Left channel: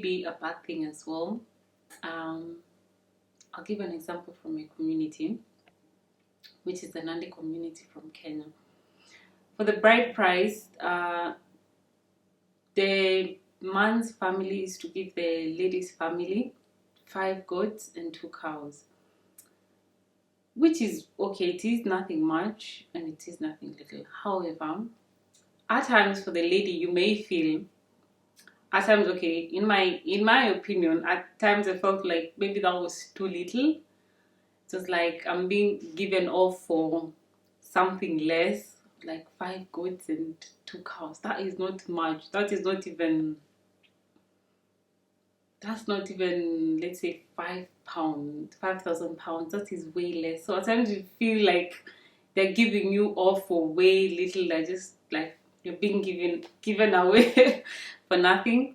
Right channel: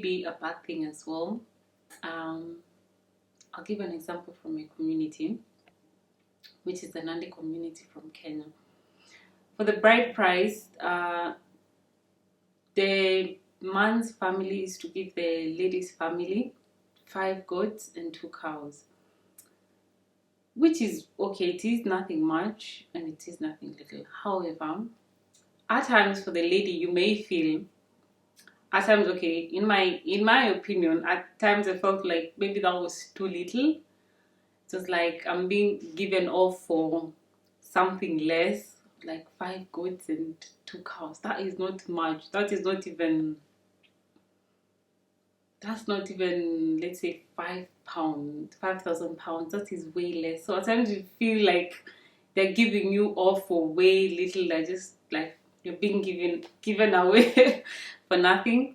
be a bad thing as well. I'll give an example from my community, which is the Nandi community from Kenya. For the bride price, the man's family is to give the lady's family 5 goats and 2 cows, which is okay. It is nothing much and it is nothing little. However, at times for the lady, you may feel, at times, okay, in my opinion, at times I felt like maybe that was too little. Just like I'm being given off for something less, like 5 goats and 2 cows. That is not much. That's not even, let's say, £5,000. That is way less. So at times you feel like they're giving you off for way little. Like just like you're being given away for nothing.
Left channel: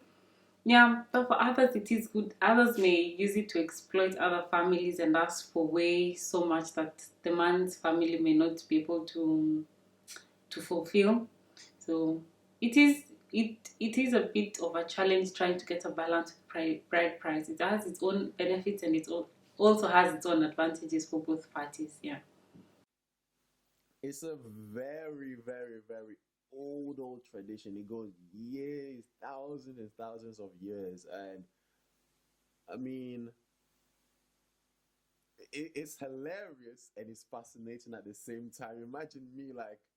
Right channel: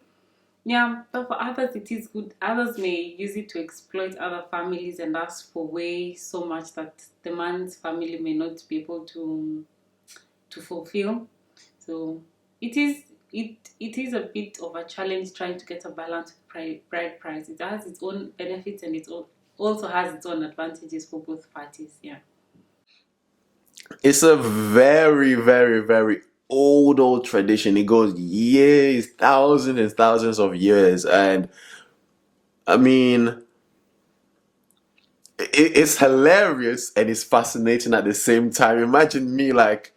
Yeah, but for others it is good. Others may use it to exploit other families and ask for way so much that the man's family may not be able to fulfill. So it is a bit of a challenge trying to get a balanced bride price. It has its own benefits and it also has its own advantages for both parties. Yeah. It's a very, very, very old tradition. It goes years, thousands and thousands of years. And I mean, it's hilarious and it's fascinating at the same time. Imagine me like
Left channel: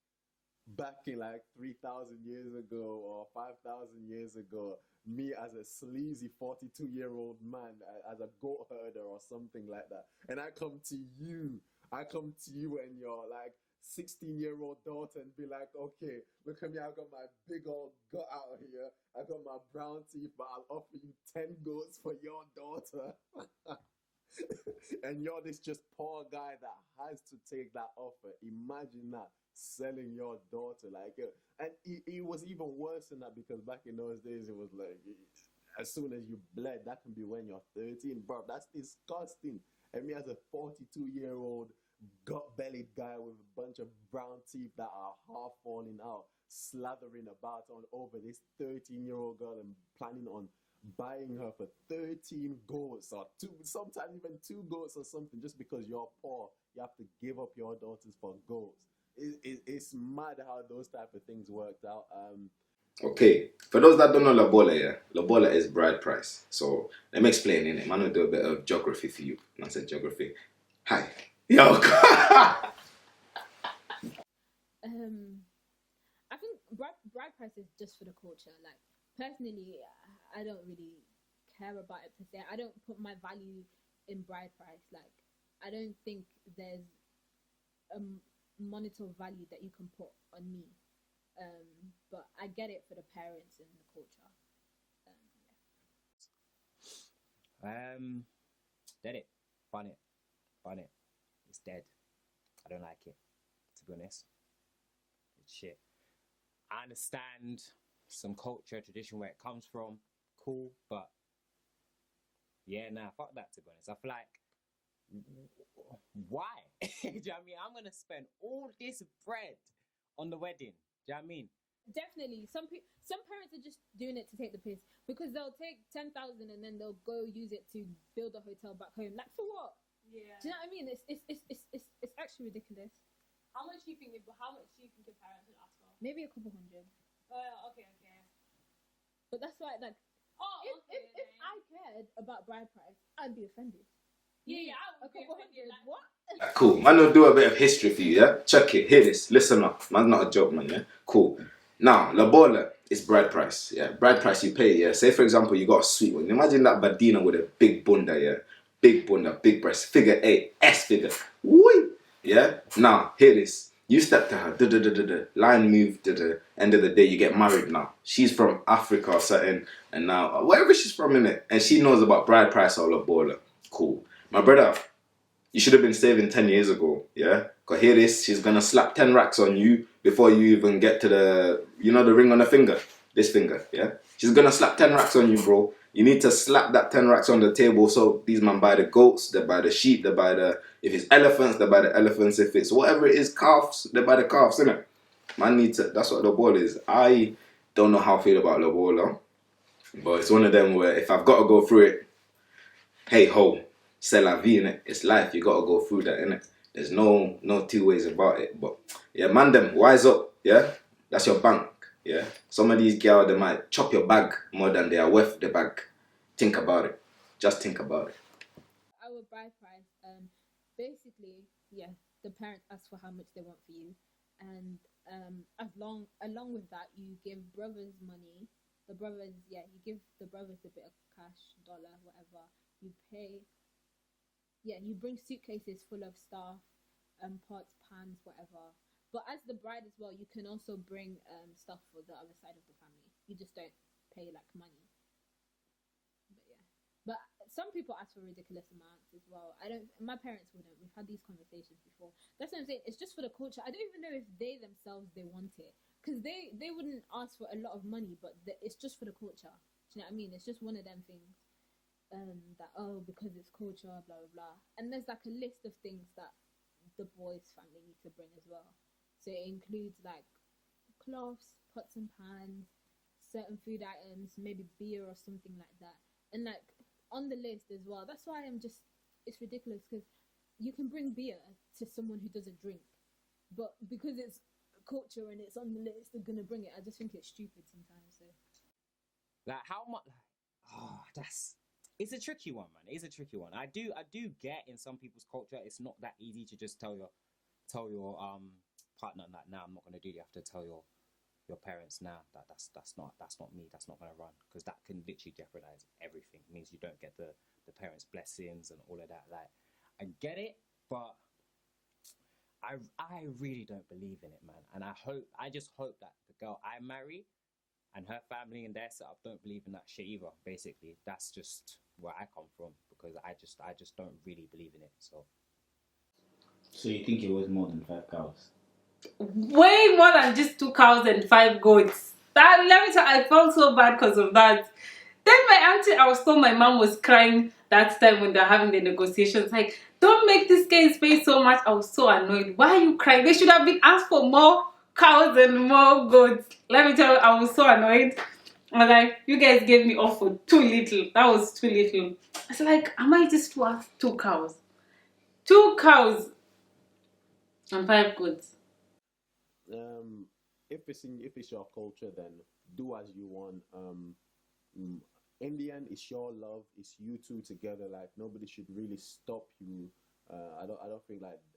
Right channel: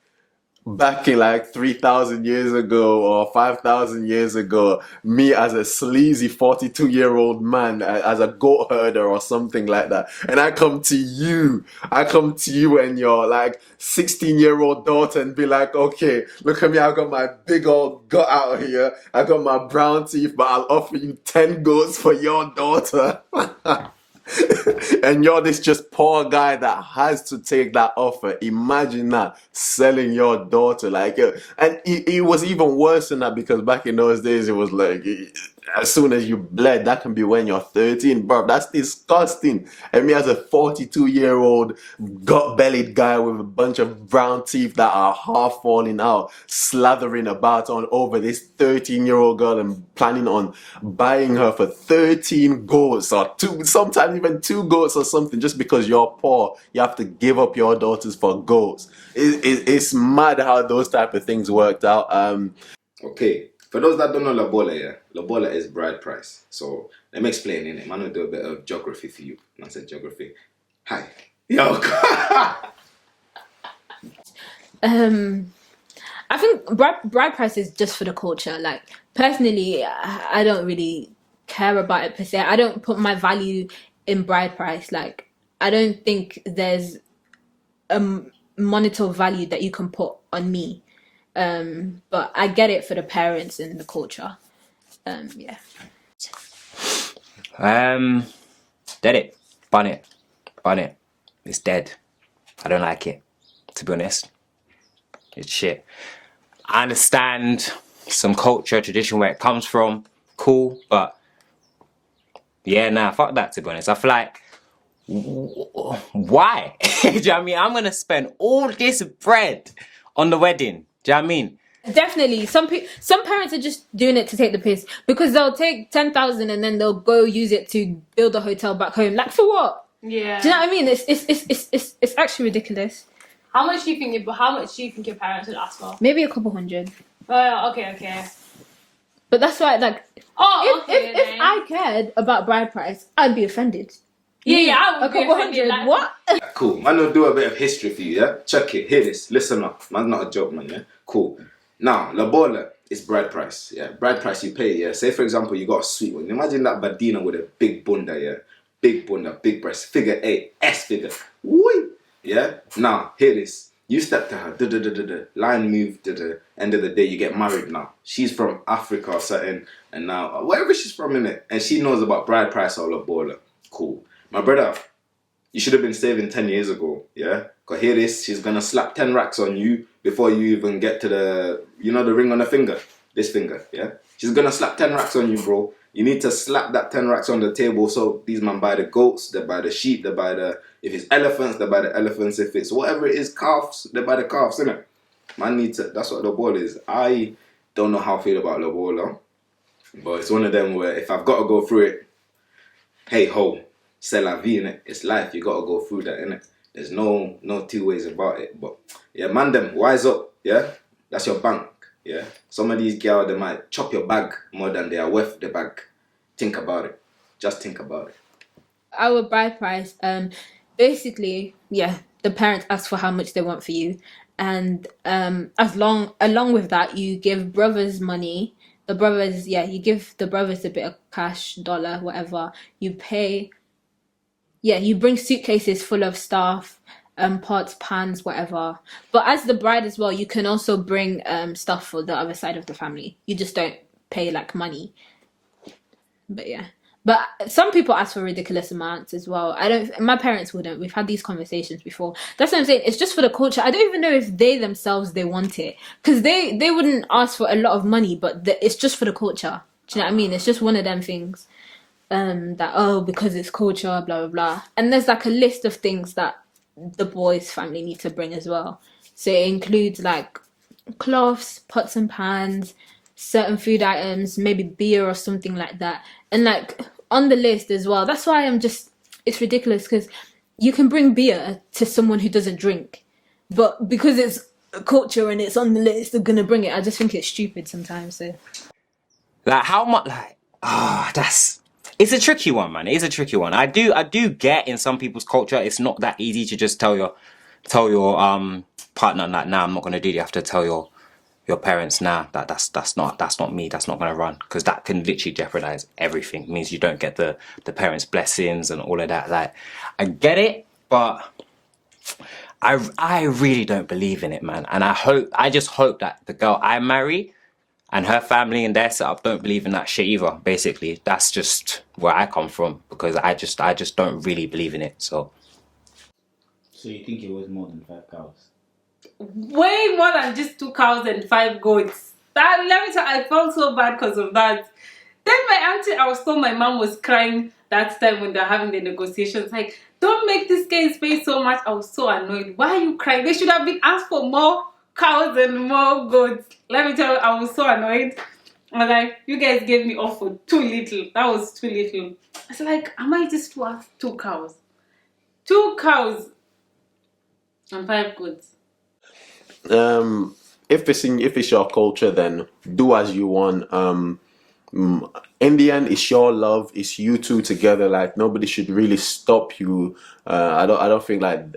back in like 3,000 years ago or 5,000 years ago, me as a sleazy 42-year-old man, as a goat herder or something like that. And I come to you and your like 16-year-old daughter and be like, okay, look at me, I got my big old gut out here. I got my brown teeth, but I'll offer you 10 goats for your daughter. And you're this just poor guy that has to take that offer. Imagine that, selling your daughter. Like, and it was even worse than that, because back in those days, it was like, as soon as you bled, that can be when you're 13, bro. That's disgusting. And me as a 42-year-old gut-bellied guy with a bunch of brown teeth that are half falling out, slathering about on over this 13-year-old girl and planning on buying her for 13 goats or 2, sometimes even 2 goats or something, just because you're poor. You have to give up your daughters for goats. It's mad how those type of things worked out. Okay, for those that don't know Lobola, yeah, Lobola is Brideprice. So let me explain in it. Man, I'll do a bit of geography for you. And I said geography. Hi. Yo. I think bride price is just for the culture. Like, personally, I don't really care about it per se. I don't put my value in bride price. Like, I don't think there's a monetary value that you can put on me. But I get it for the parents and the culture. Yeah. Dead it. Bun it. It's dead. I don't like it, to be honest. It's shit. I understand some culture, tradition, where it comes from. Cool, but yeah, nah, fuck that, to be honest. I feel like, why? Do you know what I mean? I'm gonna spend all this bread on the wedding. Do you know what I mean? Definitely. Some parents are just doing it to take the piss, because they'll take 10,000 and then they'll go use it to build a hotel back home. Like, for what? Yeah. Do you know what I mean? It's actually ridiculous. How much do you think your parents would ask for? Maybe a couple hundred. Okay. But that's why, like, if okay, I cared about bride price, I'd be offended. Yeah, I would a be couple offended, hundred. like, What? Cool. Man, I'll do a bit of history for you, yeah? Check it. Hear this. Listen up. Man's not a joke, man, yeah? Cool. Now, Lobola is bride price, yeah? Bride price you pay, yeah? Say, for example, you got a sweet one. Imagine that Badina with a big bunda, yeah? Big bunda, big breast, figure 8, S figure. Woo! Yeah? Now, hear this. You step to her, line move, end of the day, you get married now. She's from Africa or something, and now, wherever she's from, innit? And she knows about bride price or Lobola. Cool. My brother, you should have been saving 10 years ago, yeah? Because hear this, she's going to slap 10 racks on you before you even get to the ring on the finger. This finger, yeah? She's going to slap 10 racks on you, bro. You need to slap that 10 racks on the table, so these man buy the goats, they buy the sheep, they buy if it's elephants, they buy the elephants. If it's whatever it is, calves, they buy the calves, innit? Man need to, that's what Lobola is. I don't know how I feel about Lobola. But it's one of them where if I've got to go through it, hey ho, c'est la vie, innit? It's life. You got to go through that, innit? There's no two ways about it. But yeah, man, them wise up. Yeah, that's your bank. Yeah, some of these girls, they might chop your bag more than they are worth the bag. Think about it. Just think about it. Our bride price, basically, yeah, the parents ask for how much they want for you, and along with that, you give brothers money. The brothers, yeah, you give the brothers a bit of cash, dollar, whatever. You pay, yeah, you bring suitcases full of stuff, pots, pans, whatever. But as the bride as well, you can also bring stuff for the other side of the family. You just don't pay like money. But yeah. But some people ask for ridiculous amounts as well. I don't. My parents wouldn't. We've had these conversations before. That's what I'm saying. It's just for the culture. I don't even know if they themselves they want it, because they wouldn't ask for a lot of money. But it's just for the culture. Do you know what I mean? It's just one of them things. That because it's culture, blah blah blah. And there's like a list of things that the boys' family need to bring as well. So it includes like cloths, pots and pans, certain food items, maybe beer or something like that. And like on the list as well. That's why it's ridiculous, because you can bring beer to someone who doesn't drink, but because it's a culture and it's on the list, they're gonna bring it. I just think it's stupid sometimes. So Like how much? Like it's a tricky one, man. It is a tricky one. I do get in some people's culture, it's not that easy to just tell your partner that, nah, I'm not gonna do it. You have to tell your parents, nah, that's not me, that's not gonna run, because that can literally jeopardize everything. It means you don't get the parents' blessings and all of that. Like, I get it, but I really don't believe in it, man. And I just hope that the girl I marry and her family and their setup don't believe in that shit either. Basically, that's just where I come from, because I just don't really believe in it. So you think it was more than 5 cows? Way more than just 2 cows and 5 goats. That, let me tell you, I felt so bad because of that. Then my auntie, I was told my mom was crying that time when they're having the negotiations. Like, don't make this guy's face so much. I was so annoyed. Why are you crying? They should have been asked for more cows and more goats. Let me tell you, I was so annoyed. I was like, you guys gave me off for too little. That was too little. I was like, am I just to ask 2 cows? 2 cows and 5 goats. If it's your culture, then do as you want. In the end, it's your love. It's you two together. Like, nobody should really stop you. I don't think like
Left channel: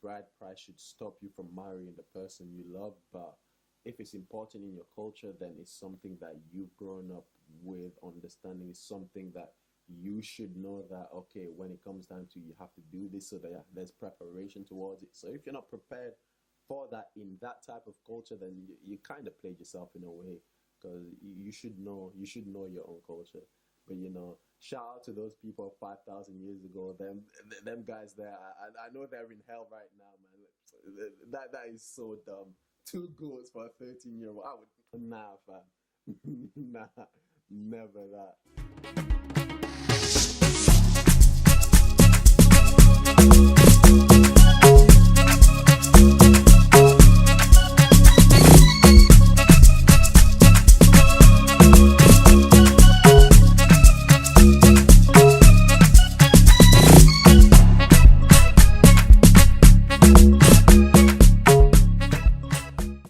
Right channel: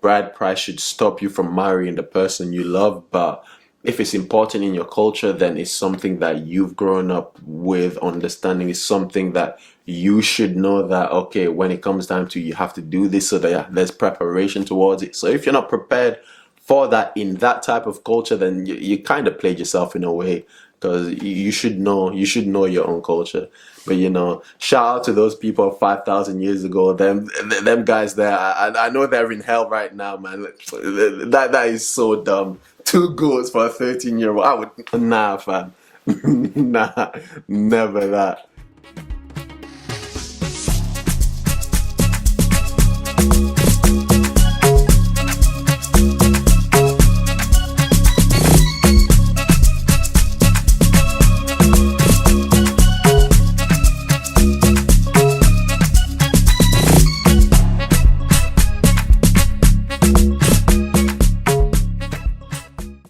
bride price should stop you from marrying the person you love. But if it's important in your culture, then it's something that you've grown up with understanding. It's something that you should know that, okay, when it comes time to, you have to do this, so that there's preparation towards it. So if you're not prepared for that in that type of culture, then you kind of played yourself in a way, because you should know your own culture. But shout out to those people 5,000 years ago. Them guys there, I know they're in hell right now, man. That is so dumb. 2 goats for a 13-year-old. I would, nah, fam. Nah, never that.